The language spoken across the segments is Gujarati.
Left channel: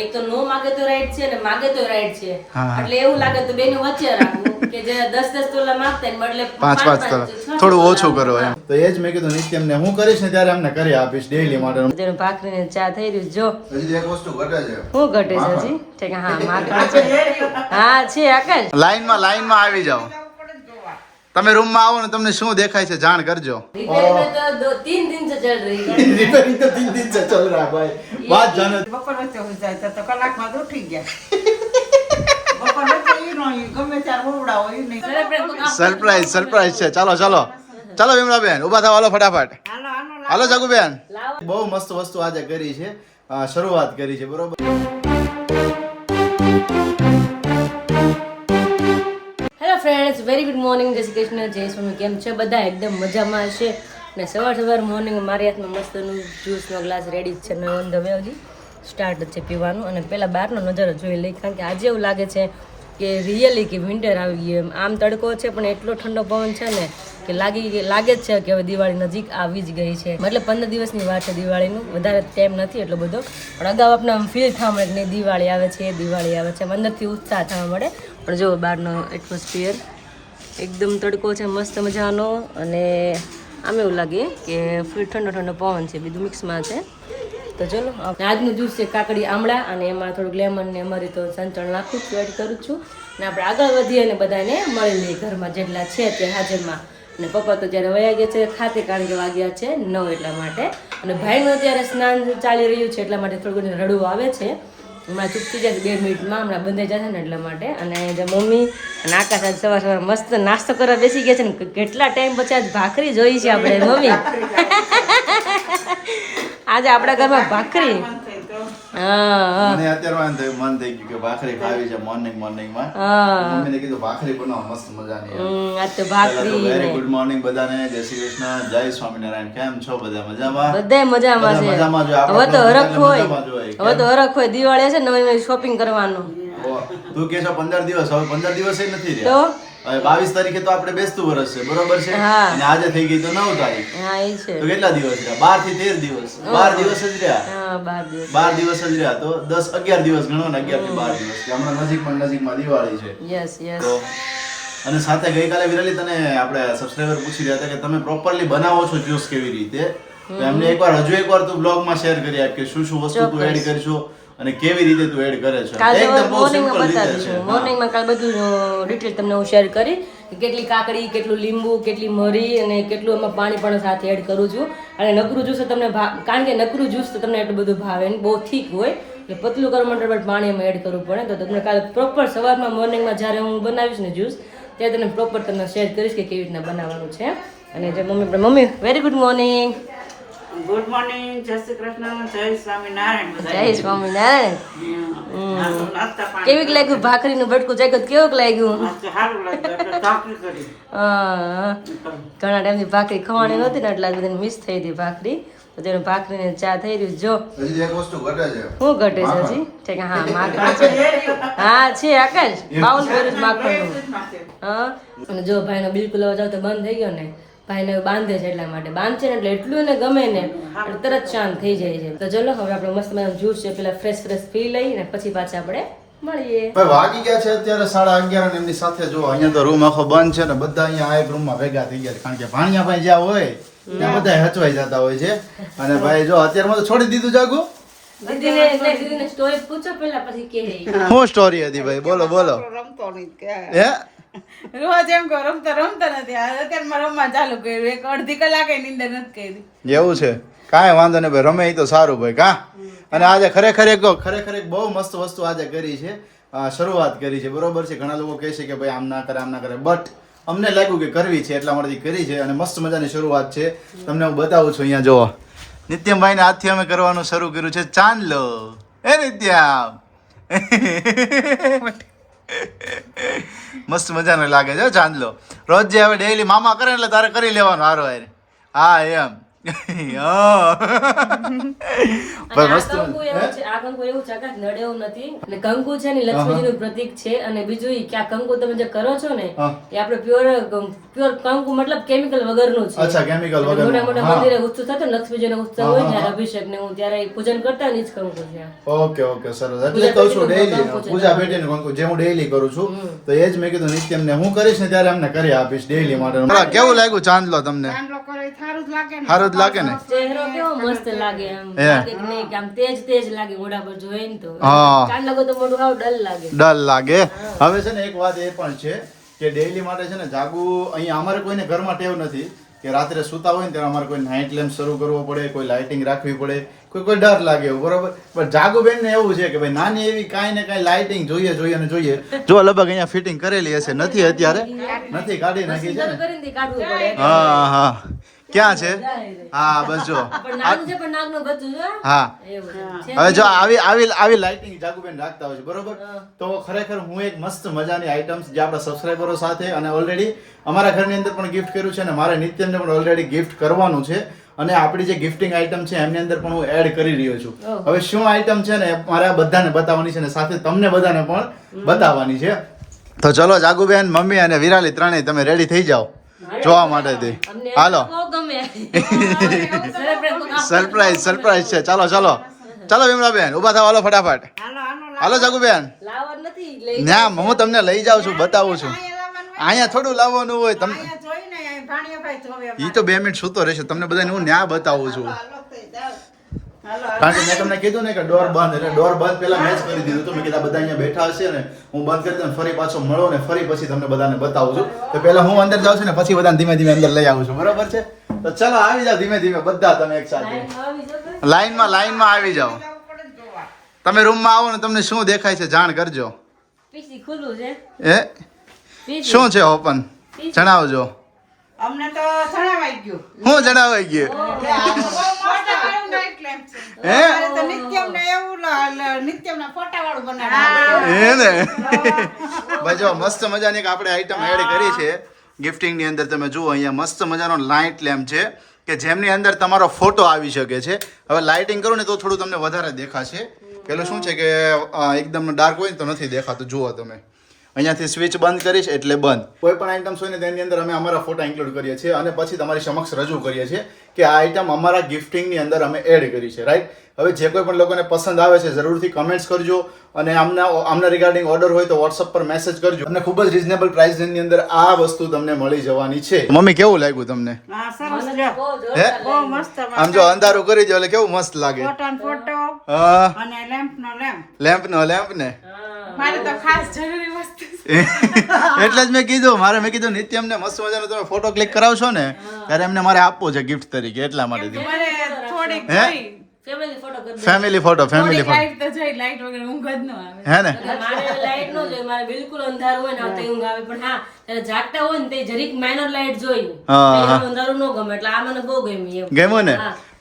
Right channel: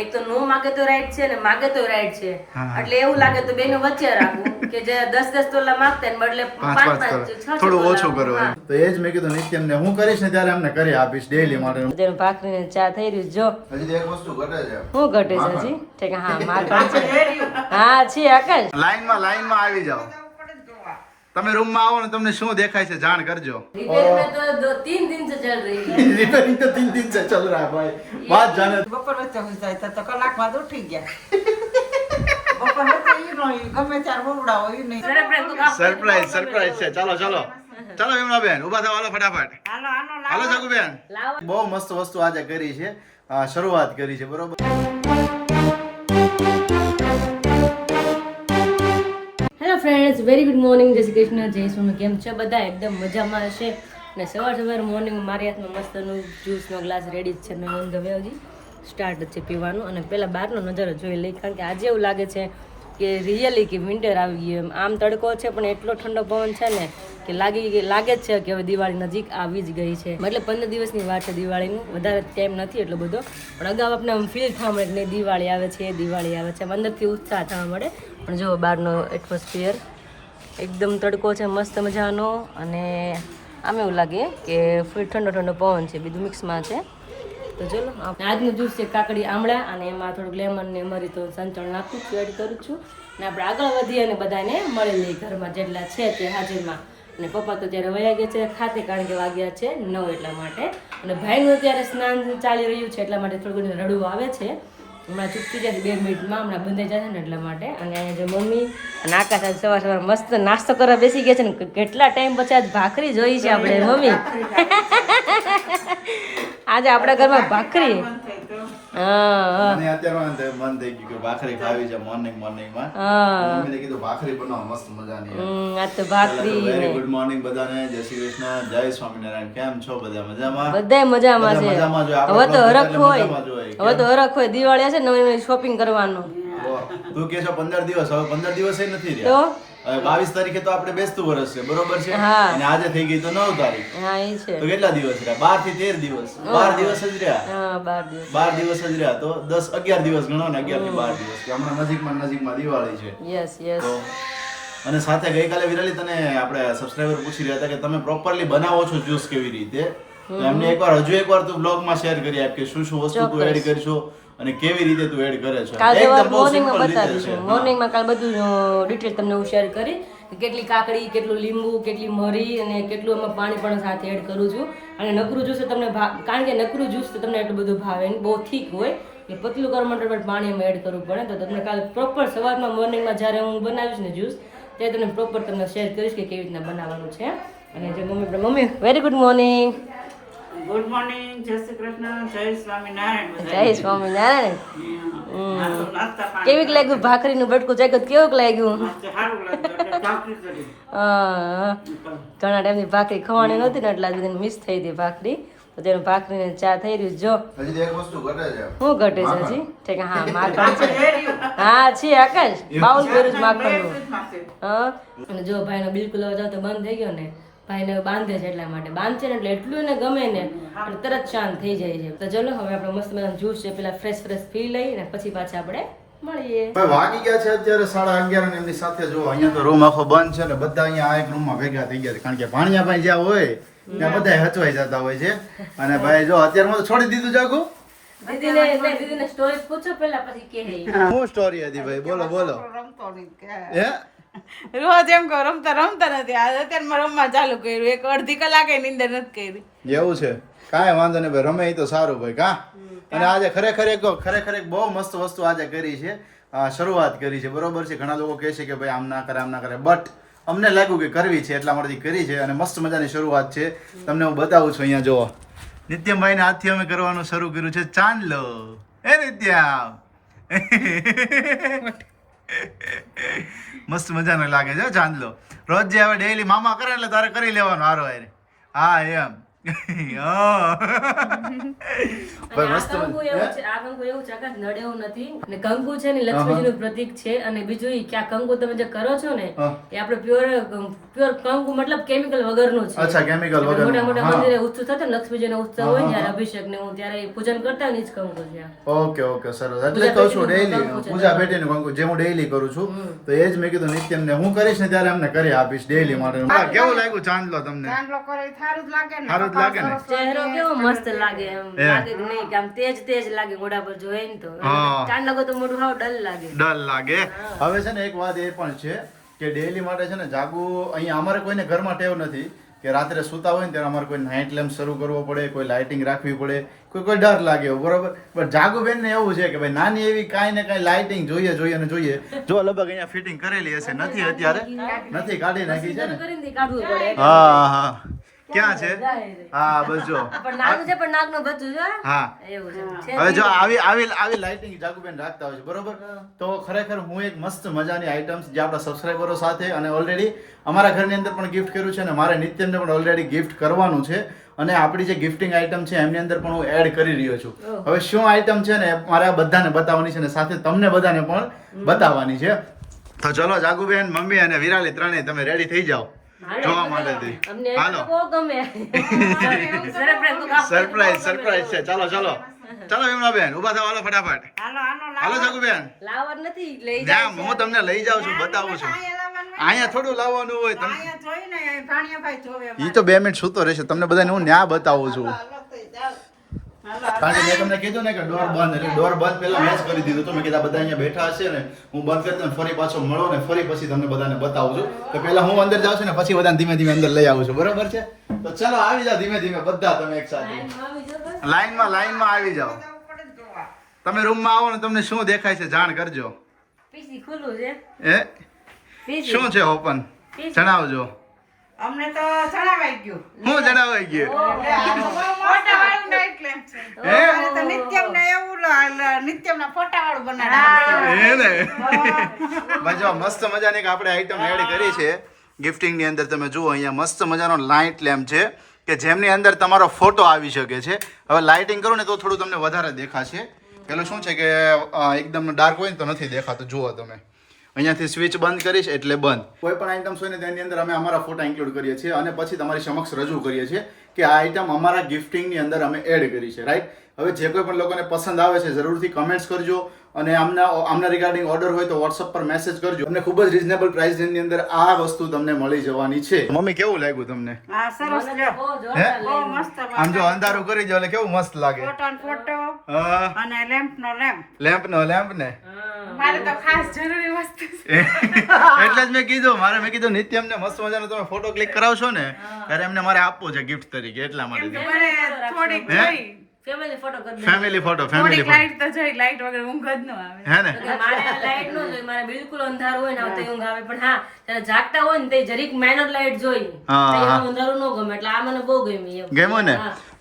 એક તો નો માગે તો રાઈટ છે ને માગે તો રાઈટ છે, એટલે એવું લાગે તો બેનો વચ્ચે રાખવું કે જે 10-10 તોલા માંગતા ને બદલે 5-5 તોલા થોડું ઓછું કરો એમ. તો એ જ મેં કીધું નિત્યમને હું કરીશ ને ત્યારે અમને કરી આપીશ ડેઈલી માટે. જેનું ભાખરીને ચા થઈ રહ્યું જો હજી એક વસ્તુ ઘટે છે. હું ઘટે છે હજી? ઠીક હા માખણ છે. હા છે આકાશ. લાઈનમાં આવી જાઓ. તમે રૂમમાં આવો ને તમને શું દેખાય છે જાણ કરજો. रिपेयर में तो 3 दिन से चल रही है. रिपेयरिंग तो 3 दिन से चल रहा है भाई. बात जाने. બપોર વચ્ચે હોય જાય તો કલાકમાં તો ઉઠી ગયા. બપોર વચ્ચે ઈ નો ગમે ત્યારે હોવડા હોય ઈ નહીં. સરપ્રાઈઝ છે. ચાલો વિમલાબેન ઊભા થાવ, હાલો ફટાફટ. હાલો જગુબેન. બહુ મસ્ત વસ્તુ આજે કરી છે, શરૂઆત કરી છે, બરોબર. ફ્રેન્ડ્સ વેરી ગુડ મોર્નિંગ, જય શ્રી કૃષ્ણ, જય સ્વામી. કેમ છે બધા? એકદમ મજામાં હશે ને સવાર મોર્નિંગ મારી હાથમાં મસ્તનું જ્યુસનો ગ્લાસ રેડી જ છે ને ઓન ધ વે હજી સ્ટાર્ટ જ છે પીવાનું. અને પહેલાં બહારનો નજારો જોઈ લઈ, કારણ કે આજે એવું લાગે છે કે રિયલી કે વિન્ટર આવી ગયું. આમ તડકો છે પણ એટલો ઠંડો પવન છે ને કે લાગે જ છે કે હવે દિવાળી નજીક આવી જ ગઈ છે. મતલબ 15 દિવસની વાર છે દિવાળીનું, વધારે ટાઈમ નથી એટલો બધો, પણ અગાઉ આપણે આમ ફીલ થવા મળે કે નહીં દિવાળી આવે છે, દિવાળી આવે છે, અંદરથી ઉત્સાહ થવા મળે. પણ જો બહારનો એટમોસ્ફિયર એકદમ તડકો છે મસ્ત મજાનો, અને આમ એવું લાગે કે ફૂલ ઠંડો પવન છે, બધું મિક્સમાં છે. તો ચલો આજનું જ્યુસ છે કાકડી આમળા, અને એમાં થોડુંક લેમન ને અમારી તો સંચળ નાખું છું, એડ કરું છું. અને આપણે આગળ વધીએ અને બધાને મળી લઈએ ઘરમાં જેટલા છે અત્યારે હાજરમાં. અને પપ્પા તો ત્યારે વયા ગયા છે ખાતે, કારણ કે વાગ્યા છે 9 એટલા માટે. અને ભાઈનું અત્યારે સ્નાન ચાલી રહ્યું છે એટલા માટે થોડું રડવું આવે છે. હમણાં ચૂપ થઈ જાય 2 મિનિટમાં, હમણાં બંધાઈ જશે ને એટલા માટે. અને જે મમ્મી અને આકાશ આજ સવાર મસ્ત નાસ્તો કરવા બેસી ગયા છે ને. કેટલા ટાઈમ પછી આજ ભાખરી જોઈ છે આપણે મમ્મી. આજે આપણા ઘરમાં ભાખરી. મને અત્યારે મન થઈ ગયું કે ભાખરી ખાવી છે મોર્નિંગમાં. મમ્મીને કીધું ભાખરી બનાવો મસ્ત મજાની. આજ તો ભાખરી ને વેરી ગુડ મોર્નિંગ બધાને, જય શ્રી કૃષ્ણ, જય સ્વામિનારાયણ. કેમ છો બધા? મજામાં? બધા મજામાં છે. હવે તો હરખ હોય દિવાળી હશે નવી શોપિંગ કરવાનો. તું કે છો 15 દિવસ, હવે 15 દિવસ નથી રહ્યા. તો હવે 22 તારીખે તો આપણે બેસતું વર્ષ છે, બરોબર છે? અને આજે થઈ ગઈ તો 9 તારીખ. હા એ છે. તો કેટલા દિવસ રહ્યા? 12 થી 13 દિવસ. 12 દિવસ જ રહ્યા. હા 12 દિવસ. 12 દિવસ જ રહ્યા. તો 11 દિવસ ગણો ને, 11 થી 12 દિવસ. હમણાં નજીકમાં દિવાળી છે. યસ તો અને સાથે ગઈકાલે વિરાલી તને આપણે સબસ્ક્રાઇબર પૂછી રહ્યા હતા કે તમે પ્રોપરલી બનાવો છો જ્યુસ કેવી રીતે, તો એમને હજુ એકવાર તું બ્લોગમાં શેર કરી આપ કે શું વસ્તુ તું એડ કરશો અને કેવી રીતે તું એડ કરે છે. કાલ સવારે મોર્નિંગમાં બતાવીશું. મોર્નિંગમાં કાલ બધું ડિટેલ તમને હું શેર કરી કે કેટલી કાકડી, કેટલું લીંબુ, કેટલી મરી અને કેટલું એમાં પાણી પણ સાથે એડ કરું છું. અને નકરું જ્યુસ તમને કારણ કે નકરું જ્યુસ તો તમને એટલું બધું ભાવે નહીં, બહુ થીક હોય, એટલે પતલું કરવા માટે પણ પાણી એમાં એડ કરવું પડે. તો તમને કાલે પ્રોપર સવારમાં મોર્નિંગમાં જ્યારે હું બનાવીશ ને જ્યુસ ત્યારે તમને પ્રોપર તમને શેર કરીશ કે કેવી રીતના બનાવવાનું છે. અને જે mummy very good morning. Good morning, જય શ્રી કૃષ્ણ, જય સ્વામિનારાયણ. જય સ્વામિનારાયણ. કેવીક લાગ્યું ભાખરીનું બટકું ચાખ્યું? કેવું લાગ્યું? સારું લાગ્યું. ભાખરી કરી. ઘણા ટાઈમથી ભાખરી ખવાની નહોતી ને એટલે બધી મિસ થઈ હતી ભાખરી. તો તેનું ભાખરીને ચા થઈ રહ્યું જો. હજી એક વસ્તુ ઘટે છે. શું ઘટે છે હજી? ઠીક હા માખણ છે. હા છે આકાશ, બાઉલ ભર્યું છે માખણનું. હા અને જો ભાઈનો બિલકુલ અવાજ આવતો બંધ થઈ ગયો ને, ભાઈને બાંધે છે એટલા માટે. બાંધશે ને એટલે એટલું એને ગમે ને એટલે તરત શાંત થઈ જાય છે. તો ચલો હવે આપણે મસ્ત મજાનું જ્યુસ છે પેલા ફ્રેશ પી લઈ ને પછી પાછા આપણે મળીએ. વાગી ગયા છે અત્યારે 11:30 અને એમની સાથે જો અહીંયા તો રૂમ આખો બંધ છે ને બધા અહીંયા એક રૂમમાં ભેગા થઈ ગયા છે, કારણ કે ભાણિયા ભાઈ જ્યાં હોય ત્યાં બધા હચવાઈ જતા હોય છે. અને ભાઈ જો અત્યારમાં તો છોડી દીધું જાગું. સ્ટોરી પૂછો પેલા પછી કે શું સ્ટોરી હતી ભાઈ? બોલો રમતો નહીં કે હે રોજ એમ કહો રમતા નથી. અત્યારે રમવા ચાલુ કર્યું, એક અડધી કલાકે નીંદર નથી કરી. એવું છે? કાંઈ વાંધો નહીં ભાઈ, રમે એ તો સારું ભાઈ. કા અને આજે ખરેખર એક બહુ મસ્ત વસ્તુ આજે કરી છે, શરૂઆત કરી છે, બરોબર છે? ઘણા લોકો કહે છે કે ભાઈ આમ ના કરે, બટ અમને લાગ્યું કે કરવી છે એટલા માટે કરી છે. અને મસ્ત મજાની શરૂઆત છે, તમને હું બતાવું છું. અહીંયા જોવો નિત્યમભાઈ ને હાથથી અમે કરવાનું શરૂ કર્યું છે ચાંદલો. એ નિત્યમ મસ્ત મજાનો લાગે છે ચાંદલો. રોજ જે હવે ડેઈલી મામા કરે એટલે તારે કરી લેવાનો હારો. હા એમ હા. ભાઈ આ મસ્ત કંકુ એવું છે, આ કંકુ એવું છે, આકાશ નડે એવું નથી. અને કંકુ છે ને લક્ષ્મીજીનું પ્રતીક છે. અને બીજું ઈ કે આ કંકુ તમે જે કરો છો ને હા. એ આપણે પ્યોર કંકુ મતલબ કેમિકલ વગરનું છે. અચ્છા કેમિકલ અને વગર મોટા મોટા મંદિરે ઉત્સવ થતો ને લક્ષ્મીજીનો ઉત્સવ હોય ત્યારે અભિષેક ને હું ત્યારે પૂજન કરતા ને ઈ જ કંકુ છે. ઓકે ઓકે સરસ એટલે જ કહું છું ડેઈલી પૂજા પેટીનું કંકુ જે હું ડેઈલી કરું છું તો એ જ મેં કીધું નિત્યમ ને હું કરીશ ને ત્યારે અમને કરી આપીશ ડેઈલી માટે. કેવું લાગ્યું ચાંદલો તમને? ચાંદલો કરે એ સારું જ લાગે ને. સારું જ લાગે ને? ચહેરો કેવો મસ્ત લાગે એમ હે. લાગે કે નહીં કે આમ તેજ તેજ લાગે મોઢા પર જોઈએ ને તો હા. ચાંદ લાગો તો મોઢું હાવ ડલ લાગે. ડર લાગે. હવે છે ને એક વાત એ પણ છે કે ડેઈલી માટે છે ને જાગવું અહીંયા અમારે કોઈને ઘરમાં ટેવ નથી કે રાત્રે સૂતા હોય ને ત્યારે અમારે કોઈ નાઇટ લેમ્પ શરૂ કરવો પડે, કોઈ લાઇટિંગ રાખવી પડે, કોઈ ડર લાગે એવું બરોબર. પણ જાગુબેન ને એવું છે કે ભાઈ નાની એવી કાંઈ ને કાંઈ લાઇટિંગ જોઈએ જોઈએ ને જોઈએ. જો લગભગ અહીંયા ફિટિંગ કરેલી હશે, નથી અત્યારે નથી કાઢી નાખી છે ને. કરીને દી કાઢવું પડે હા હા ક્યાં છે? હા બસ જો પણ નાનું છે પણ નાગનું બચ્ચું છે હા. એવું છે. હવે જો આવી લાઇટિંગ જાગુબેન રાખતા હોય છે બરોબર. તો ખરેખર હું એક મસ્ત મજાની આઈટમ્સ જે આપણા સબસ્ક્રાઈબરો સાથે અને ઓલરેડી અમારા ઘરની અંદર પણ ગિફ્ટ કર્યું છે અને મારે નિત્યમને પણ ઓલરેડી ગિફ્ટ કરવાનું છે. અને આપણી જે ગિફ્ટિંગ આઈટમ છે એમની અંદર પણ હું એડ કરી રહ્યો છું. હવે શું આઈટમ છે ને મારે આ બધાને બતાવવાની છે ને સાથે તમને બધાને પણ બતાવવાની છે. તો ચલો જાગુબેન, મમ્મી અને વિરાલી ત્રણેય તમે રેડી થઈ જાઓ જોવા માટે. અમને હાલો બહુ ગમે સરપ્રાઈઝ સરપ્રાઈઝ છે. ચાલો ચાલો ચાલો વિમલાબેન ઉભા થાવ, હાલો ફટાફટ. હાલો હાલો હાલો જાગુબેન, લાવવાનું નથી લઈ ના હું તમને લઈ જાઉં છું, બતાવું છું. અહીંયા થોડું લાવવાનું હોય તમને. અહીંયા જોઈને અહીંયા ભાણિયાભાઈ જોવે. ઈ તો 2 મિનિટ સૂતો રહેશે, તમને બધાને હું ન્યા બતાવું છું. હાલો થઈ જાઓ. હાલો કારણ કે મેં તમને કીધું ને કે ડોર બંધ, એટલે ડોર બંધ પહેલા મેં જ કરી દીધું. તો મેં કીધા બધા અહીંયા બેઠા હશે ને હું બંધ કરી દઉં, ફરી પાછો મળો ને ફરી પછી તમને બધાને બતાવું છું. તો પહેલા હું અંદર જાઉં છું ને પછી બધાને ધીમે ધીમે અંદર લઈ આવું છું, બરાબર છે? તો ચલો આવી જાઓ ધીમે ધીમે બધા તમે એક સાથે લાઈનમાં આવી જાઓ. પડે જ જોવા. તમે રૂમમાં આવો ને તમને શું દેખાય છે જાણ કરજો. પીસી ખુલ્લું છે એ પીસી શું છે ઓપન જણાવજો. અમને તો જણાવાઈ ગયું. હું જણાવાઈ ગયું એટલે આ તો બહુ મસ્ત વાળું night lamp છે. હે? અમારે તો નિત્યમને એવું નિત્યમના ફોટાવાળું બનાવડાવે. એ ને ભાઈ જો મસ્ત મજાની એક આપણે આઈટમ એડ કરી છે ગિફ્ટિંગ ની અંદર. તમે જુઓ અહીંયા મસ્ત મજાનો લાઇટ લેમ્પ છે કે જેમની અંદર તમારો ફોટો આવી શકે છે. હવે લાઇટિંગ કરો ને તો થોડું તમને વધારે દેખાશે. પેલું શું છે કે એકદમ ડાર્ક હોય ને તો નથી દેખાતું. જુઓ તમે અહીંયાથી સ્વિચ બંધ કરીશ એટલે બંધ. કોઈ પણ આઈટમ્સ હોય ને તેની અંદર અમે અમારા ફોટા ઇન્ક્લુડ કરીએ છીએ અને પછી તમારી સમક્ષ રજૂ કરીએ છીએ કે આ આઈટમ અમારા ગિફ્ટિંગની અંદર અમે એડ કરી છે, રાઈટ? હવે જે કોઈ પણ લોકોને પસંદ આવે છે જરૂરથી કમેન્ટ્સ કરજો અને આમના રિગાર્ડિંગ ઓર્ડર હોય તો વોટ્સઅપ પર મેસેજ કરજો. અને ખૂબ જ રિઝનેબલ પ્રાઇસની અંદર આ વસ્તુ તમને મળી જવાની છે. મમ્મી કેવું લાગ્યું તમને? હા સરસ લ્યો. બહુ હે? જોરદાર બહુ લાગ્યું. મસ્ત આમ જો અંધારું કરી દો એટલે કેવું મસ્ત લાગે. ફોટો ને ફોટો હા અને લેમ્પનો લેમ્પ. લેમ્પ ને મારે તો ખાસ જરૂરી વસ્તુ છે. એટલે જ મેં કીધું નિત્યમને મસ્ત મજાનો તમે ફોટો ક્લિક કરાવશો ને ત્યારે એમને મારે આપવો છે ગિફ્ટ તરીકે, એટલા માટે. મને થોડીક હે? જોઈ. ફેમિલી ફોટો કરી દે. ફેમિલી ફોટો થોડીક લાઈટ તો જોઈ. લાઈટ વગર ઊંઘ જ ન આવે. હે ને? મારે લાઈટ નો જોઈએ, મારે બિલકુલ અંધારું હોય ને તો ઊંઘ આવે. પણ હા ત્યારે જાગતા હોય ને તે જરીક માઇનર લાઈટ જોઈ અંધારું ન ગમે. એટલે આ મને બહુ ગમી એમ. ગમ્યું ને?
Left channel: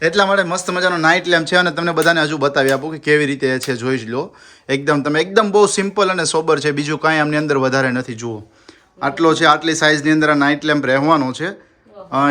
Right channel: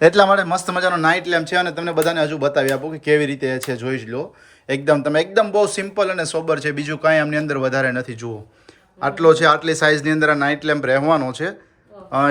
એટલા માટે મસ્ત મજાનો નાઇટ લેમ્પ છે અને તમને બધાને હજુ બતાવી આપું કે કેવી રીતે છે, જોઈ જ લો. એકદમ બહુ સિમ્પલ અને સોબર છે, બીજું કાંઈ આમની અંદર વધારે નથી. જુઓ આટલો છે, આટલી સાઇઝની અંદર આ નાઇટ લેમ્પ રહેવાનો છે.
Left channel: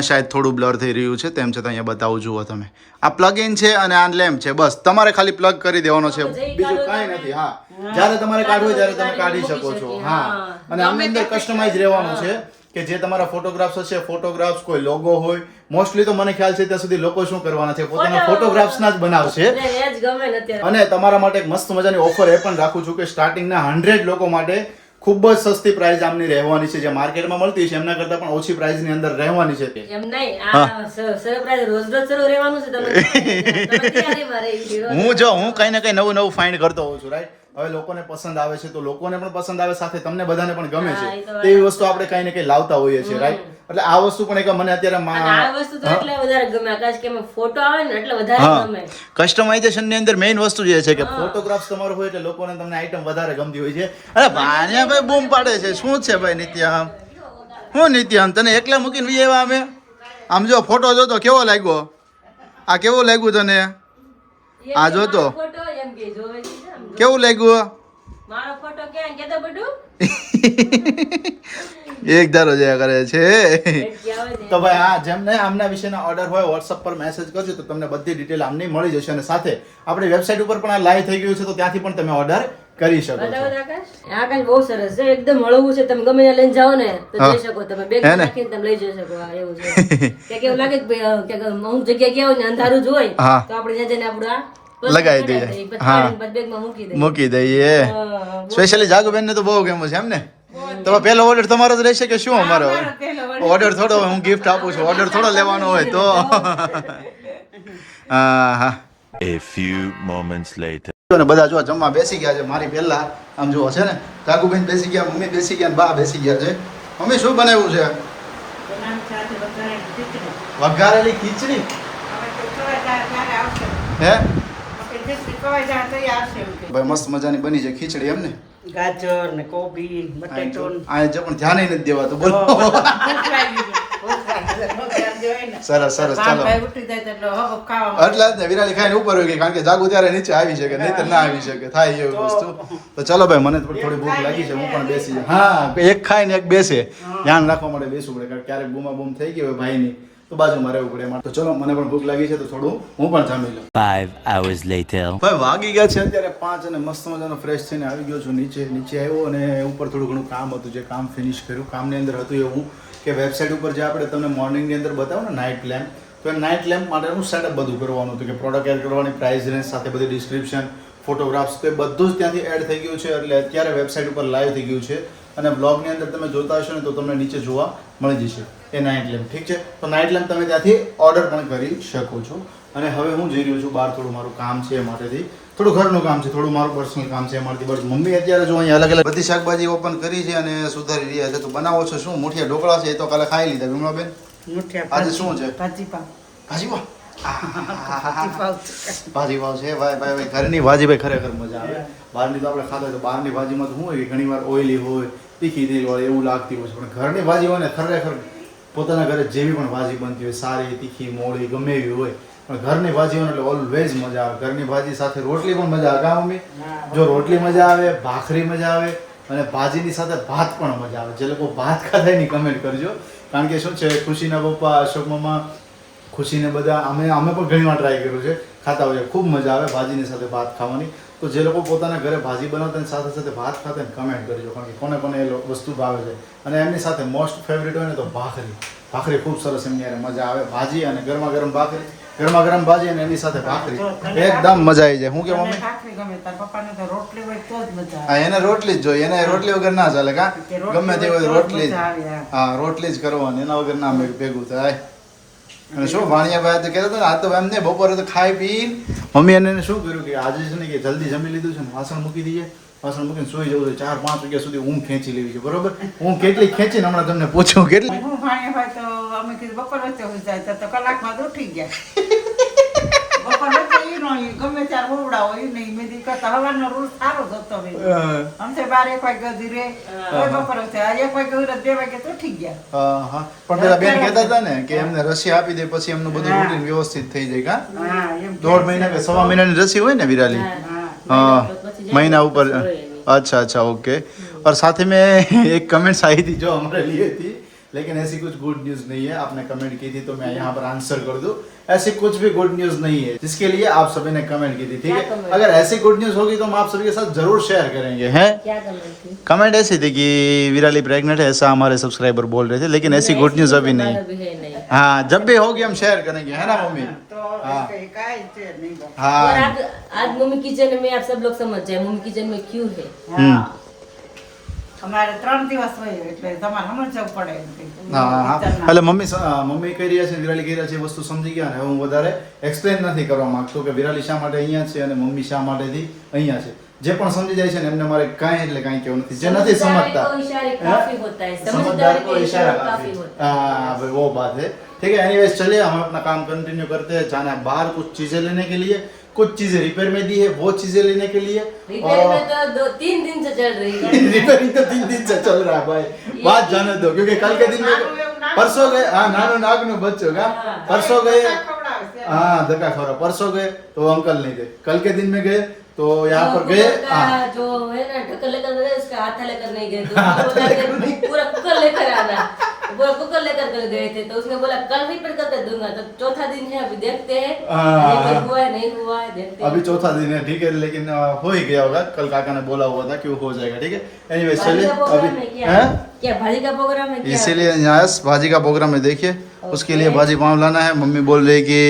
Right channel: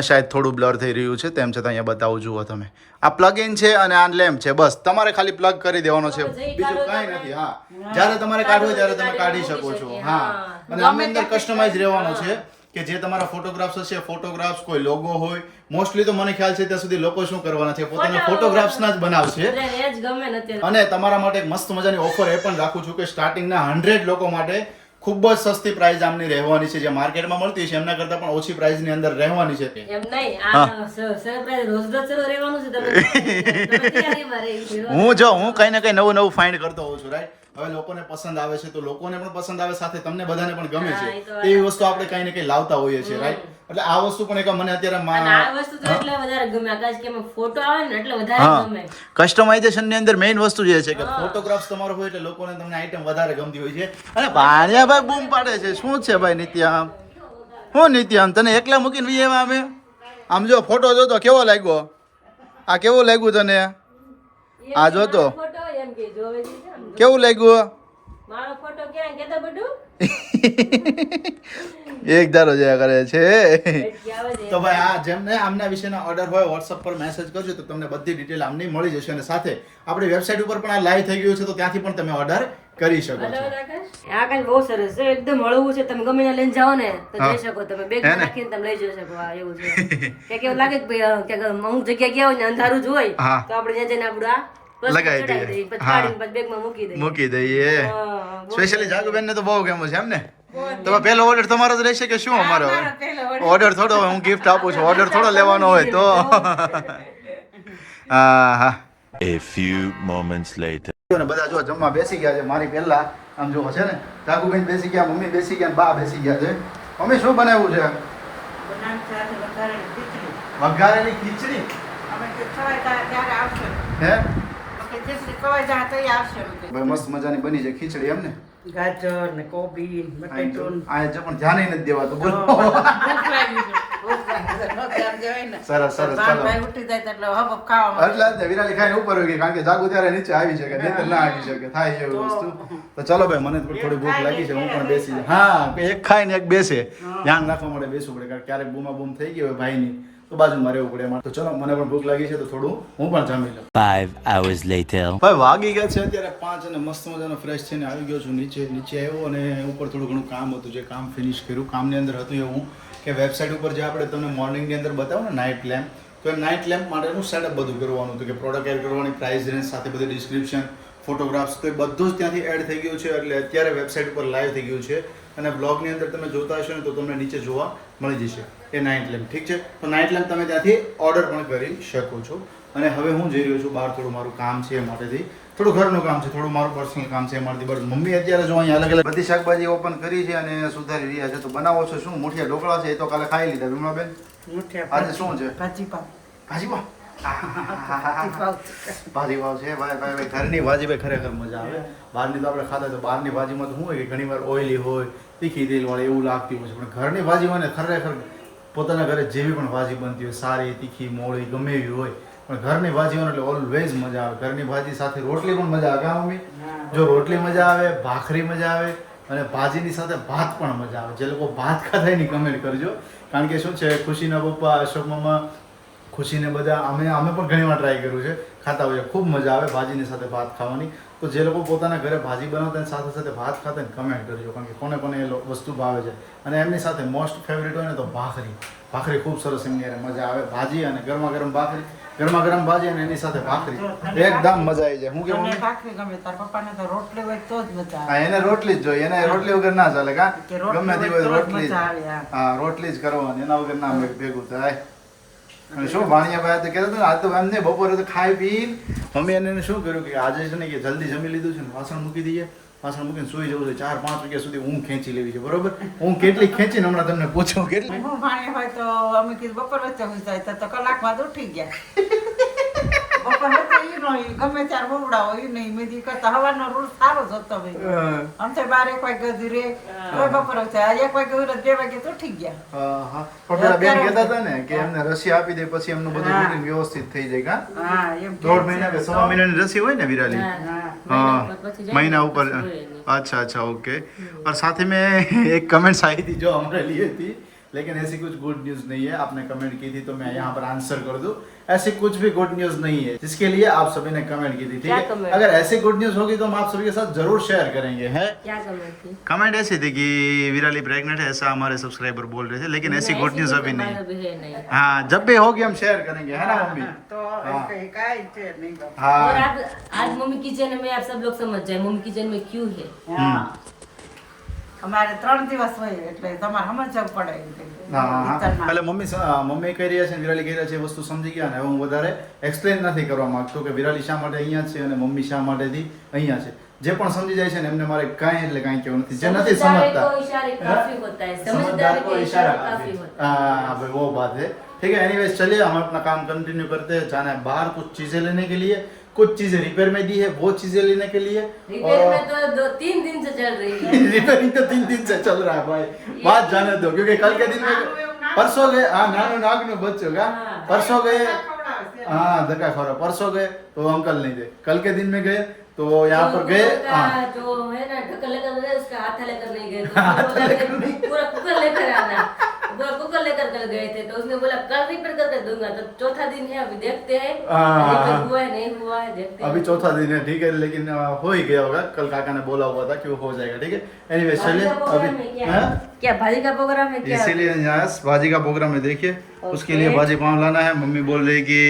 શાયદ થોડું બ્લર થઈ રહ્યું છે, તેમ છતાં અહીંયા બતાવું. જુઓ તમે આ પ્લગ ઇન છે અને આ લેમ્પ છે. બસ તમારે ખાલી પ્લગ કરી દેવાનો છે, બીજું કાંઈ નથી. હા જ્યારે તમારે કાઢવું ત્યારે તમે કાઢી શકો છો. હા અને આમની અંદર કસ્ટમાઇઝ રહેવાનું છે કે જે તમારા ફોટોગ્રાફ્સ હશે, ફોટોગ્રાફ્સ કોઈ લોગો હોય, મોસ્ટલી તો મને ખ્યાલ છે ત્યાં સુધી લોકો શું કરવાના છે પોતાના ફોટોગ્રાફ્સના જ બનાવશે. એટલે એ જ ગમે ને અત્યારે. અને તમારા માટે એક મસ્ત મજાની ઓફર એ પણ રાખું છું કે સ્ટાર્ટિંગના 100 લોકો માટે ખૂબ જ સસ્તી પ્રાઇસ આમની રહેવાની છે. જે માર્કેટમાં મળતી છે એમના કરતાં પણ ઓછી પ્રાઇસની અંદર રહેવાની છે. એમ નહીં આ સરપ્રાઈઝ રોજ શરૂ રહેવાનું છે. તમે તૈયારીમાં રહી છો. હું કઈ ને કઈ નવું ફાઇન્ડ કરતો હોઉં છું, રાઈટ? હવે લોકોને પસંદ આવે છે તો લોકોને પણ પસંદ આવે, સાથે તમને બધાને પણ ગમે છે. તેવી વસ્તુ આપણે કઈ ને કઈ લાવતા હોઈએ છીએ, રાઈટ? એટલે આ વસ્તુ પણ એક મને અત્યારે આ વસ્તુ તો એટલે વધારે ગમે આકાશ કે ફોટો આવે ને એટલે વધારે ગમે. કસ્ટમાઇઝેશન ની અંદર મેઇન વસ્તુ જે છે કે ફોટોગ્રાફ્સ તમારો હોય એટલે લોકોને તમને આઈટમ વધારે ગમતી હોય છે. અને ભાણિયાભાઈ બૂમ પાડે છે, શું છે ભાઈ નિત્યામ? હું નિત્યામ તને એકલા મૂકીને વી એવા અમે? આમ જો ફોટો જોતો કેવો લાગ્યો? આ કેવો લાગ્યું તને? આ જોતો ફોટો એમ કે જોવે છે આમ. કેવું લાગ્યું? મારો ફોટો ક્યાં કેતો બધું એક ધારો જયા કરે છે એટલી આવે છે. તો ભાઈ આ જેમને આમના વિશેના ઓર્ડર હોય વોટ્સઅપ પર મેસેજ કરજો તો તમને બધી ડિટેલ આમની મળી જશે અને સાથે આપણી વેબસાઇટ ઉપર પણ આ લાઈવ થઈ ગયું છે તો ત્યાંથી પણ તમે ઓર્ડર કરી શકો છો બરાબર આકાશ? આ આકાશ બહુ સરસ છે, એકદમ હળવું છે, તમે ગમે ત્યાં લઈને જાઓ ને તો જઈ શકો, તમે બેગ હે ને? નાખીને તમે લઈ જઈ શકો. આ એવું છે ક્યાંક એવું લાગે કે ભાઈ ક્યાંક અમુક જગ્યાએ ગયા હોય ને અંધારું જ હોય હા. તો આપણે ત્યાં જઈને આપણું આ વસ્તુ લગાવી ચડાવી દઈએ. દઈએ, પછી હા. કાઢીને પછી બેગમાં મૂકી દઈએ. મૂકી દઈએ હા, સ્પેશિયલી જાગુબેન ને તો બહુ ગમ્યું છે એમ ને તો પહેલો ઓર્ડર તમારો જ રહેશે કે શું અમારો મારો પહેલો order. ઓર્ડર થોડો હોય, હું ગિફ્ટ આપું છું ઓર્ડર થોડો લેવાનો હોય તો હા હા A few moments later. ને બધા જો જમવા બેસી ગયા છે મારી પહેલા આમ જો છે ને જાગુબેન બેસી ગયા, મમ્મી બેસી ગયા, બા બેસી ગયા છે. મમ્મી શું બનાવ્યું છે? બનાવી સાથે વઘારેલી ખીચડી. વઘારેલી ખીચડી. અમે તો ખવાય ત્યારે આવશે. હે આપણે જેટલી ખવાય જાય તો આવશે એમ કે. ભાઈ મસ્ત મજાની બની છે ખીચડી એમ ને? ગાજર ને કોબી બટેટું આ જો પણ ધ્યાન નથી દેવાતું બોલો. સરસ સરસ ચાલો ઉઠી જાય તો એટલે હબ ખાવા એટલે જ ને વિરાળી ખાઈને ઉપર હોય ગઈ કારણ કે જાગુ ત્યારે નીચે આવી શકે નહીંતર ના આવી શકે થાય એવી વસ્તુ. તો ચલો ભાઈ મને થોડી ભૂખ લાગી છે હું પણ બેસી જાઉં. હા એક ખાય ને એક બેસે ધ્યાન રાખવા માટે બેસવું પડે કારણ કે ક્યારેક બૂમા બૂમ થઈ ગઈ હોય ભાઈની તો બાજુમાં રહેવું પડે એમાં. તો ચલો મને પણ ભૂખ લાગી છે તો થોડું હું પણ જમી લઉં. 5 hours later. ભાઈ વાગી ગયા છે અત્યારે 5 અને મસ્ત મજાનો ફ્રેશ થઈને આવી ગયો છું નીચે આવ્યો અને ઉપર થોડું ઘણું કામ હતું જે કામ ફિનિશ કર્યું. કામની અંદર હતું એવું કે વેબસાઇટ ઉપર જે આપણે તમને મોર્નિંગની અંદર બતાવો ને નાઇટ લેમ્પ તો એ નાઇટ લેમ્પ માટેનું સેટઅપ બધું કરવાનું હતું કે પ્રોડક્ટ એડ કરવાની પ્રાઇસ રેન્જ સાથે બધી ડિસ્ક્રિપ્શન ફોટોગ્રાફ્સ તો એ બધું જ ત્યાંથી એડ થઈ ગયું છે એટલે અત્યારે વેબસાઇટ ઉપર લાઈવ થઈ ગયું છે અને બ્લોગની અંદર તમે જોતા હશો ને તો તમને નીચે જોવા મળી જશે એ નાઇટ લેમ્પ. ઠીક છે તો નાઇટ લેમ્પ તમે ત્યાંથી ઓર્ડર પણ કરી શકો છો. અને હવે હું જઈ રહ્યો છું બહાર થોડું મારું કામ છે એ માટેથી થોડું ઘરનું કામ છે થોડું મારું પર્સનલ કામ છે એ માટેથી બસ મમ્મી અત્યારે જો અહીંયા અલગ અલગ બધી શાકભાજી ઓપન કરી છે અને સુધારી રહ્યા છે. તો બનાવો છો શું? મુઠિયા ઢોકળા છે એ તો કાલે ખાઈ લીધા વિમલાબેન. આજે શું છે? ભાજી પાવ ભાજી પાવ. ભાજી પાવ ભાજી પાવ છે ભાઈ ભાઈ ભાઈ ઘરની ભાજી ભાઈ ખરેખર મજા આવે. બહારની તો આપણે ખાતા હોય તો બહારની ભાજીમાં તો શું હોય કે ઘણીવાર ઓઇલી હોય તીખી તેલવાળી એવું લાગતી હોય છે પણ ઘરની ભાજી હોય ને ખરેખર પોતાના ઘરે જેવી પણ ભાજી બનતી હોય સારી તીખી મોળી ગમે એવી હોય પણ ઘરની ભાજી હોય ને એટલે ઓલવેઝ મજા આવે. ઘરની ભાજી સાથે રોટલી પણ મજા આવે કા મમ્મી? જો રોટલી મજા આવે ભાખરી મજા આવે અને ભાજીની સાથે ભાત પણ મજા આવે. જે લોકો ભાત ખાતા એની કમેન્ટ કરજો કારણ કે શું છે ખુશીના પપ્પા અશોક મામા ખુશીને બધા અમે પણ ઘણીવાર ટ્રાય કર્યું છે ખાતા હોઈએ ખૂબ મજા આવે ભાજીની સાથે ભાત ખાવાની. તો જે લોકો પોતાના ઘરે ભાજી બનાવતા સાથે સાથે ભાત ખાતા ને કમેન્ટ કરજો કારણ કે કોને કોને એ વસ્તુ ભાવે છે અને એમની સાથે મોસ્ટ ફેવરિટ હોય ને તો ભાખરી ખૂબ સરસ એમની યારે મજા આવે. ભાજી અને ગરમા ગરમ ભાખરી ગરમા ગરમ ભાજી અને એની સાથે ભાખરી એકદમ મજા આવી જાય. હું કે મમ્મી ભાખરી ગમે તાર પપ્પાને તો રોટલી હોય તો જ મજા હા એને રોટલી જ જોઈએ એને રોટલી વગર ના ચાલે કા કે રોટલી ગમે તે હોય હોય તો જ રોટલી જ મજા આવે, હા. હા રોટલી જ કરવાની એના વગર ના ભેગું થાય. અને શું ભાણિયાભાઈ તો કહેતા હતા આજ તો એમને બપોરે તો ખાઈ પી મમ્મી એને શું કર્યું કે આજે છે ને કે જલ્દી જમી લીધું છે ને વાસણ મૂકી દઈએ વાસણ મૂકીને સુઈ જવું છે 4-5 વાગ્યા સુધી ઊંઘ ખેંચી લેવી છે બરોબર. હું કેટલી ખેંચીને હમણાં તમને પૂછું કેટલી હું ભાણિયા હોય તો અમે કીધું બપોર વચ્ચે હોઈ જાય તો કલાકમાં તો ઉઠી ગયા બપોર વચ્ચે ઈ નો ઈ ગમે ત્યારે હોવડાવો ઈ નહીં મેં દી કરતા હવાનો રૂલ સારો જ હતો ભાઈ આમ તો 12-1 વાગ્યા સુધી રે તોય બપોર વચ્ચે આજે 1 વાગ્યા સુધી 2 વાગ્યા તો ઉઠી ગયા. હા પણ પેલા બેન કહેતા હતા ને કે એમને રસી આપી દે પછી એમનું બધું રૂટીન વ્યવસ્થિત થઈ જાય કા હા એમ 1.5 મહિના કે 1.5 મહિનાની રસી હોય ને વિરાલી હા. महीना ऊपर अच्छा अच्छा ओके और साथ ही में एक कमेंट्स आई थी जो हमारे लिए थी लेकिन ऐसी कुछ गुड न्यूज़ नहीं है आपने कमेंट की थी तो मैं यहाँ पर आंसर कर दूं ऐसी कुछ भी गुड न्यूज़ नहीं है जिसके लिए आप सभी ने कमेंट की थी ठीक है. अगर ऐसी गुड न्यूज़ होगी तो हम आप सभी के साथ जरूर शेयर करेंगे हैं. क्या कमेंट थी? कमेंट ऐसी थी कि विराली प्रेग्नेंट है ऐसा हमारे सब्सक्राइबर बोल रहे थे लेकिन ऐसी गुड न्यूज़ अभी नहीं. अभी है नहीं. हाँ जब भी होगी हम शेयर करेंगे है ना मम्मी. તો હા. કઈ કાંઈ છે નહીં બાપા. और हाँ आप आज मम्मी किचन में आप सब लोग समझ जाए मम्मी किचन में क्यों है. હા. અમારે 3 દિવસ હોય એટલે તમારે સમજવું પડે એમ કે. હા હા વિચારમાં. એટલે મમ્મી કહી રહ્યા છે ને વિરાલી કહી રહ્યા છે એ વસ્તુ સમજી ગયા ને હવે હું વધારે એક્સપ્લેન નથી કરવા માંગતો કે વિરાલી શા માટે અહીંયા છે અને મમ્મી શા માટેથી અહીંયા છે. જે પણ સમજી જાય છે ને એમને મારે કાંઈ એટલે કાંઈ કહેવું નથી જે નથી સમજતા तो इशारे काफी होता है. समझदार समझदार को को इशारा इशारा काफी काफी होता है. हाँ भाई वो बात है ठीक है. एनीवेज चलिए हम अपना काम कंटिन्यू करते हैं. जाना है बाहर कुछ चीजें लेने के लिए कुछ चीजें रिपेयर में दी है वो चीजें लेने के लिए रिपेयर में तो 2-3 दिन से चल रही है. रिपेयरिंग तो 3 दिन से चल रहा है भाई बात जाने दो क्योंकि कल के दिन में परसों गए हाँ नानू नागनू बच्चों का परसों गए हाँ धक्का खवरा परसों गए तो अंकल नहीं थे कल के दिन में गए तो यहाँ पर गए हाँ जो है ना ढक्कन लेकर गए उसका हाथ लेकर नहीं गए तो पूरा कुकर लेकर आना पूरा कुकर लेकर कर गए थे तो उसने बोला कल रिपेयर करके दूंगा तो चौथा दिन है अभी देखते हैं रिपेयर हुआ है नहीं हुआ है देखते हैं अभी चौथा दिन है ठीक है लेकिन हो ही गया होगा कल काका ने बोला हुआ था कि वो हो जाएगा ठीक है एनीवे चलिए अभी हाँ? क्या भाजी का प्रोग्राम है क्या इसीलिए यहाँ भाजी का प्रोग्राम है देखिए उसके लिए भाजी पाव लाना है मम्मी बोल रही कि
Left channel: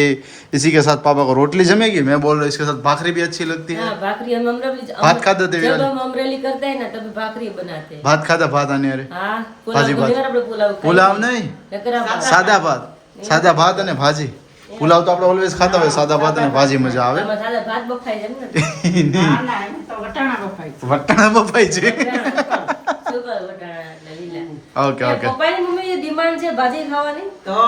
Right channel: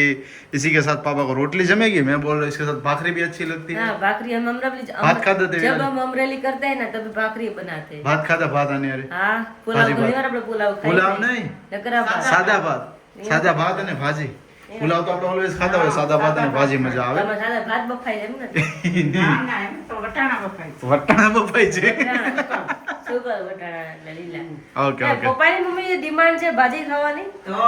इसी के साथ पापा को रोटली जमेगी मैं बोल रहा हूँ इसके साथ भाखरी भी अच्छी लगती है हाँ भाखरी हम अमरेली भात खाते थे जब हम अमरेली करते हैं ना तभी भाखरी बनाते हैं भात खाता भात आने अरे हाँ पुलाव भाजी भात. ઘણીવાર આપણે પુલાવ ખાઈએ પુલાવ છીએ. નહીં નકરા ભાત. સાદા ભાત અને ભાજી પુલાવ તો આપણે ઓલવેઝ ખાતા હોય સાદા ભાત અને ભાજી મજા આવે તમે સાદા ભાત બફાઈ છે એમ ને ના એમ તો વટાણા બફાય છે. વટાણા બફાઈ છે સુપર વટાણા એટલે લીલા ઓકે ઓકે પપ્પાની મમ્મી જે ડિમાન્ડ છે ભાજી ખાવાની તો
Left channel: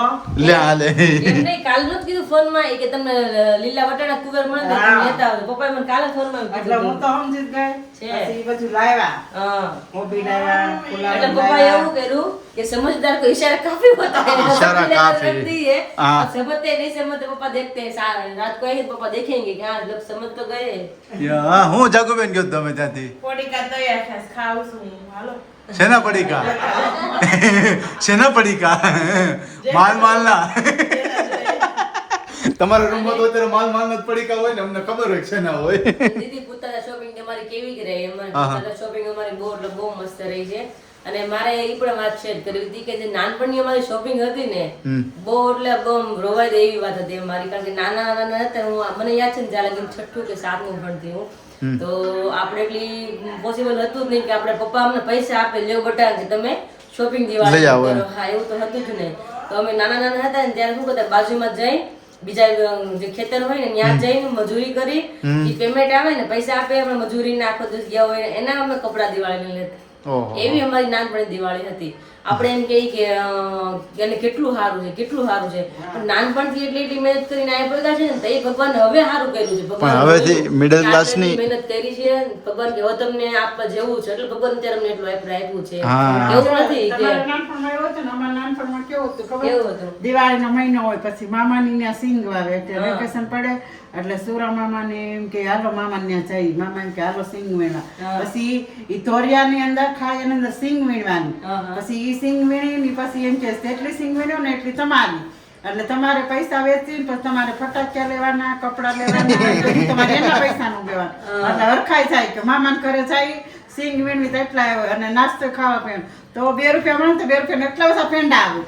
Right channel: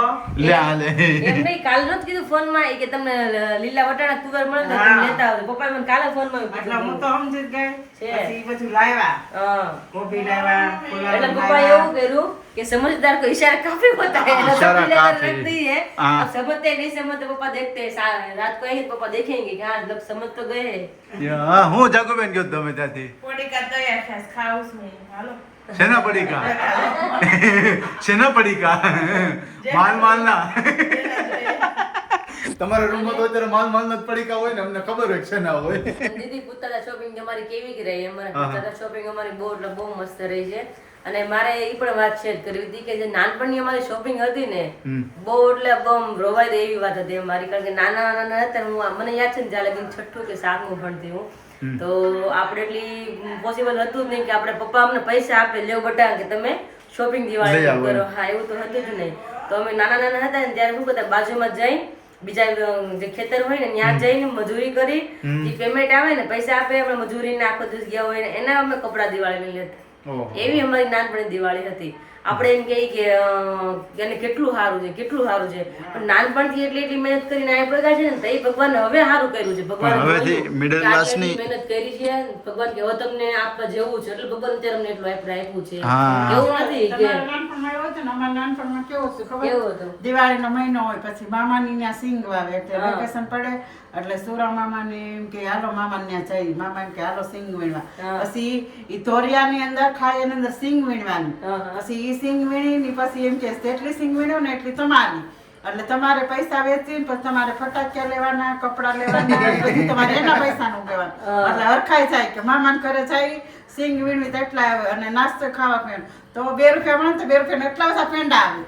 લે હાલે એમ નહીં કાલ નહોતું કીધું ફોનમાં કે તમને લીલા વટાણા કુકર મળે તો તમે લેતા આવજો પપ્પાએ મને કાલે ફોનમાં એટલે હું તો સમજી જ ગઈ પછી ઈ બધું લાવ્યા હા કોબી લાવ્યા પુલાવ એટલે પપ્પાએ એવું કર્યું કે समझदार को इशारा काफी होता है इशारा काफी है हाँ। अब समझते नहीं समझते पापा देखते हैं रात को ही पापा देखेंगे कि हाँ लोग समझ तो गए હું જાગુબેન ગયો તમે ત્યાંથી પોડીકા તૈયાર થાય ખાવું છું હાલો શેના પડીકા શેના પડીકા માલ માલના તમારા રૂમમાં તો અત્યારે માલ માલના જ પડીકા હોય ને અમને ખબર હોય કે શેના હોય દીદી પૂછતા શોપિંગ અમારી કેવી રહી અમારી શોપિંગ અમારી બહુ એટલે બહુ મસ્ત રહી છે અને મારે એ પણ વાત શેર કરવી હતી કે જે નાનપણની અમારી શોપિંગ હતી ને બહુ એટલે બહુ રોવાઈ દે એવી વાત હતી અમારી કારણ કે નાના નાના હતા હું મને યાદ છે ને જ્યારે લગીને છઠ્ઠું કે સાતમું ભણતી હું તો આપણે એટલી પોસિબલ હતું જ નહીં કે આપણે પપ્પા અમને પૈસા આપે લેવ બટા કે તમે શોપિંગ દિવાળી કરો હા એવું તો હતું જ નહીં તો અમે નાના નાના હતા ને ત્યારે શું કરતા બાજુમાં જઈ બીજા જે ખેતર હોય ને ત્યાં જઈને મજૂરી કરી એ પેમેન્ટ આવે ને પૈસા આપે આપણે મજૂરી ના આખો દિવસ ગયા હોય એના અમે કપડા દિવાળી લેતા એવી અમારી નાનપણની દિવાળી હતી આપણે એમ કહીએ કે એને કેટલું સારું છે પણ નાનપણથી એટલી મહેનત કરીને આ પડ્યા છે ને તો એ ભગવાન હવે સારું કર્યું છે ભગવાન હવેથી મિડલ ક્લાસની મહેનત કરી છે ભગવાન કે હવે તમને આપવા જેવું છે એટલે ભગવાન ત્યારે અમને એટલું આપ્યું છે હા. એવું નથી કે તમારા નાનપણમાં એવું હતું ને અમારા નાનપણમાં કેવું હતું ખબર કેવું હતું દિવાળીનો મહિનો હોય પછી મામાની ત્યાં સિંગ વાવે એટલે વેકેશન પડે એટલે સુરા મામાને એમ કે હાલો મામા ત્યાં જઈ મામા એમ કે હાલો સિંગ વીણવા પછી ઈ તોરિયાની અંદર ખાય એની અંદર સિંગ વીણવાની પછી ઈ સિંગ વીણી પછી એમ કે જેટલી સિંગ વીણ્યો ને એટલી તમારી એટલે તમારે પૈસા વેચીને પછી તમારે ફટાકિયા લેવાના કપડા લેવાના પછી તમારે એના પૈસાનું લેવાનું એટલે હરખાઈ જાય કે મામાને ઘરે જાય સિંગ વીણવી તો એટલા આવે અને નાસ્તો ખાવા પીવાનું તો 2 રૂપિયા મળે તો 2 રૂપિયા એટલા બધા પેંડા આવે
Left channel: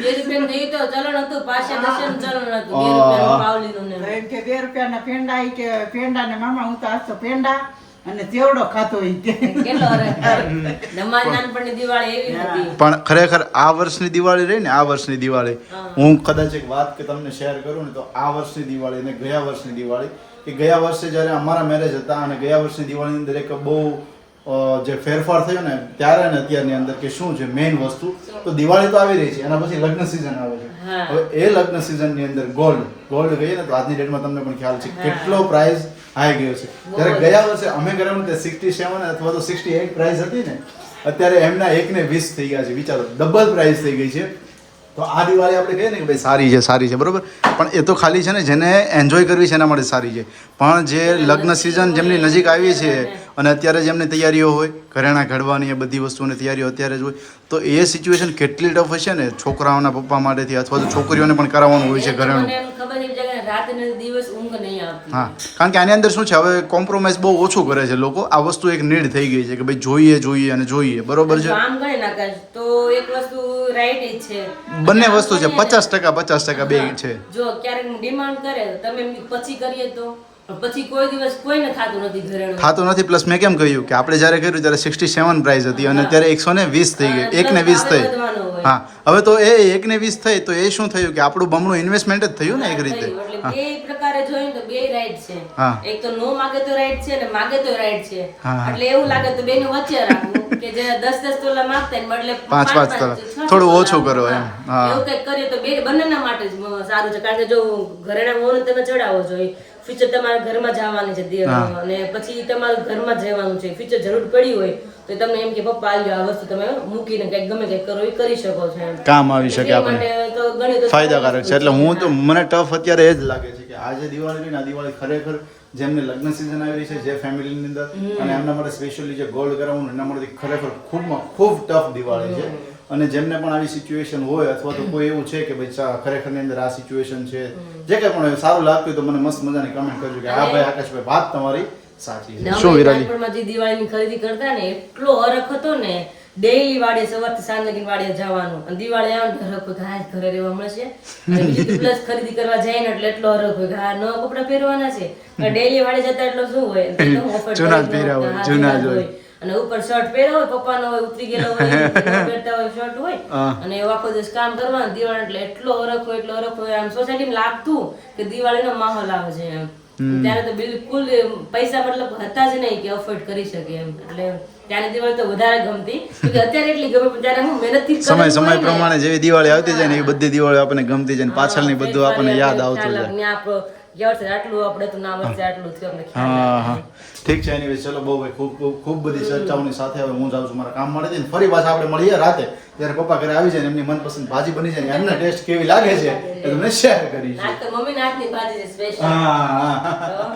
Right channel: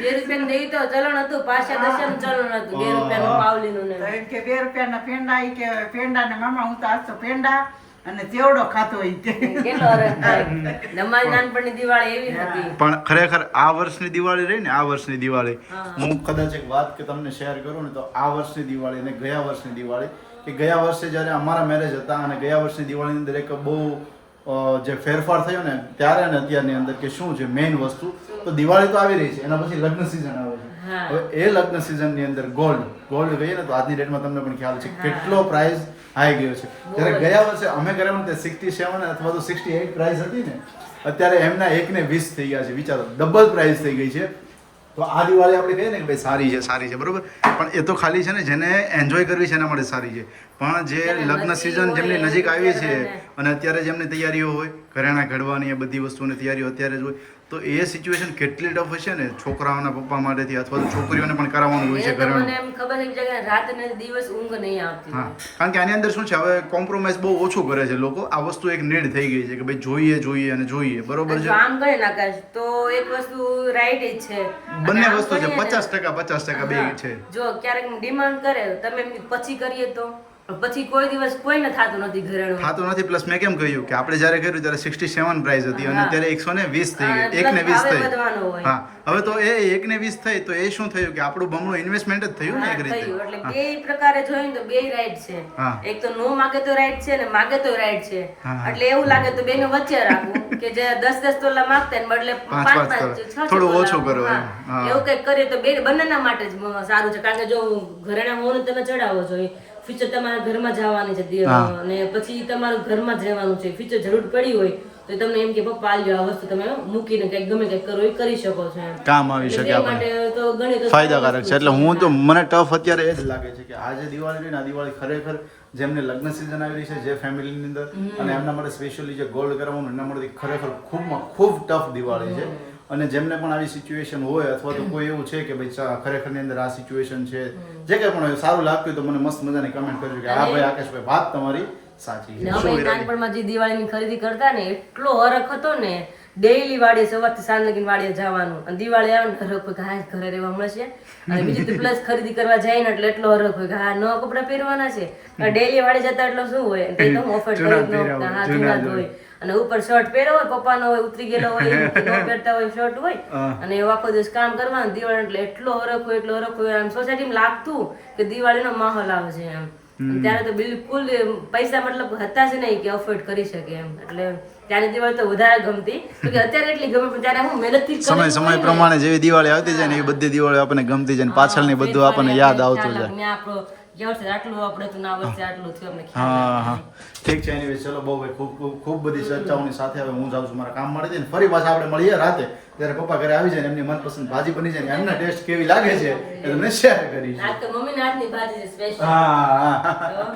બે રૂપિયા દેવી તો ચલણ હતું 5-10 ચલણ હતું 2 રૂપિયા પાવલીનું તો એમ કે 2 રૂપિયાના પેંડા ઈ કે પેંડા ને મામા હું તો આજ તો પેંડા અને જેવડો ખાતો ઈ કે કેટલો અમારી નાનપણની દિવાળી એવી હતી પણ ખરેખર આ વર્ષની દિવાળી રહી ને આ વર્ષની દિવાળી હું કદાચ એક વાત કે તમને શેર કરું ને તો આ વર્ષની દિવાળી અને ગયા વર્ષની દિવાળી કે ગયા વર્ષે જ્યારે અમારા મેરેજ હતા અને ગયા વર્ષની દિવાળીની અંદર એક બહુ જે ફેરફાર થયો ને ત્યારે અને અત્યારની અંદર કે શું છે મેઇન વસ્તુ તો દિવાળી તો આવી રહી છે એના પછી લગ્ન સિઝન આવે છે હવે એ લગ્ન સિઝનની અંદર ગોલ્ડ ગઈએ ને તો આજની ડેટમાં તમને પણ ખ્યાલ છે કેટલો પ્રાઇસ આવી ગયો છે જ્યારે ગયા વર્ષે અમે કરેલું તે 67 અથવા તો 68 પ્રાઇસ હતી ને અત્યારે એમના 1:20 થઈ ગયા છે વિચારો ડબલ પ્રાઇસ થઈ ગઈ છે તો આ દિવાળી આપણે કહીએ ને કે ભાઈ સારી છે બરોબર પણ એ તો ખાલી છે ને જેને એન્જોય કરવી છે એના માટે સારી છે પણ જે લગ્ન સિઝન જેમની નજીક આવી છે અને અત્યારે જેમની તૈયારીઓ હોય ઘરેણા ઘડવાની એ બધી વસ્તુઓની તૈયારીઓ અત્યારે જ હોય તો એ સિચ્યુએશન કેટલી ટફ હશે ને છોકરાઓના પપ્પા માટેથી અથવા તો છોકરીઓને પણ કરાવવાનું હોય છે ઘરેણું મને એમ ખબર છે કે રાત અને દિવસ ઊંઘ નહીં આવતી હા કારણ કે આની અંદર શું છે હવે કોમ્પ્રોમાઇઝ બહુ ઓછું કરે છે લોકો આ વસ્તુ એક નીડ થઈ ગઈ છે કે ભાઈ જોઈએ બરોબર છે આમ કહે ના કાશ તો એક વસ્તુ રાઈટ જ છે બંને વસ્તુ છે 50% બે છે જો ક્યારેક ડિમાન્ડ કરે તમે એમની પછી કરીએ તો પછી કોઈ દિવસ કોઈને થાતું નથી ઘરેણું થાતું નથી પ્લસ મેં કેમ કહ્યું કે આપણે જ્યારે કર્યું ત્યારે 67 પ્રાઇસ હતી અને અત્યારે 120 થઈ ગઈ 1:20 થઈ હા હવે તો એ 1:20 થઈ તો એ શું થયું કે આપણું બમણું ઇન્વેસ્ટમેન્ટ જ થયું ને એક રીતે એટલે બે પ્રકારે જોઈને તો બે રાઈટ છે એક તો નો માગે તો રાઈટ છે ને માગે તો રાઈટ છે એટલે એવું લાગે તો બેનો વચ્ચે રાખવું કે જે 10-10 તોલા માંગતા ને બદલે 5-5 તોલા થોડું ઓછું કરો એમ એવું કંઈક કરીએ તો બે બંનેના માટે જ સારું છે કારણ કે જો ઘરેણા મોને તમે ચડાવો જોઈએ ફ્યુચર તમારા ઘરમાં જવાની છે અને પછી તમારા ઘરમાં જ રહેવાનું છે ફ્યુચર જરૂર પડી હોય તો તમને એમ કે પપ્પા આ વસ્તુ તમે મૂકીને કંઈક ગમે કંઈક કરો એ કરી શકો છો એમ કામ આવી શકે માટે તો ગણ્યું તો ફાયદાકારક છે. એટલે હું તો મને ટફ અત્યારે એ જ લાગે છે કે આ જે દિવાળી રહી ને આ દિવાળી ખરેખર જેમને લગ્ન સિઝન આવી રહી છે જે ફેમિલીની અંદર અને એમના માટે સ્પેશિયલી જે ગોલ્ડ કરાવવાનું એના માટે ખરેખર ખૂબ ટફ દિવાળી છે. અને જેમને પણ આવી સિચ્યુએશન હોય અથવા તો કોઈ એવું છે કે ભાઈ ખરેખર ની અંદર આ સિચ્યુએશન છે જે કંઈ પણ સારું લાગતું હોય તો મને મસ્ત મજાની કમેન્ટ કરજો કે હા ભાઈ આકાશભાઈ વાત તમારી સાચી છે. શું અમે વિરાજી? નાનપણમાં જે દિવાળીની ખરીદી કરતા ને એટલો હરખ હતો ને, ડેઈલી વાડીએ સવારથી સાંજ લગીને વાડીએ જવાનું અને દિવાળી આવે ને હરખ હોય કે હા ઘરે રહેવા મળશે અને બીજું પ્લસ ખરીદી કરવા જાય ને એટલે એટલો હરખ હોય કે હા નવા કપડા પહેરવાના છે. ડેઈલી વાડીએ જતા એટલો શું હોય એકદમ ઓફર જૂના જ હોય અને ઉપર શર્ટ પહેર્યો હોય પપ્પાનો હોય ઉતરી ગયેલો હોય ન પહેરતા હોય શર્ટ હોય અને એવો આખો દિવસ કામ કરવાનું દિવાળી એટલે એટલો હરખ હોય આમ સોસાયટીમાં લાગતું કે દિવાળીનો માહોલ આવે છે એમ. ત્યારે તો બિલકુલ પૈસા મતલબ હતા જ નહીં કે અફોર્ડ કરી શકે એમ. એટલે ત્યાંની દિવાળી તો વધારે ગમતી કે અત્યારે એટલી ગમે પણ ત્યારે હું મહેનતથી સમય પ્રમાણે જેવી દિવાળી આવતી જાય ને એ બધી દિવાળી આપણને ગમતી જાય ને પાછળની બધું આપણને યાદ આવતું જાય. આટલું આપણે તો ના વર્ષે આટલું થયું અમને હા ઠીક છે. એનીવે ચલો બહુ ભાઈ ખૂબ બધી ચર્ચાઓની સાથે હવે હું જાઉં છું મારા કામ મળે છે ને ફરી પાછા આપણે મળીએ રાતે જ્યારે પપ્પા ઘરે આવી જાય ને એમની મનપસંદ ભાજી બની જાય ને એમના ટેસ્ટ કેવી લાગે છે એ તમને શેર કરીશ. મમ્મી ના હાથની ભાજી છે સ્પેશિયલ. હા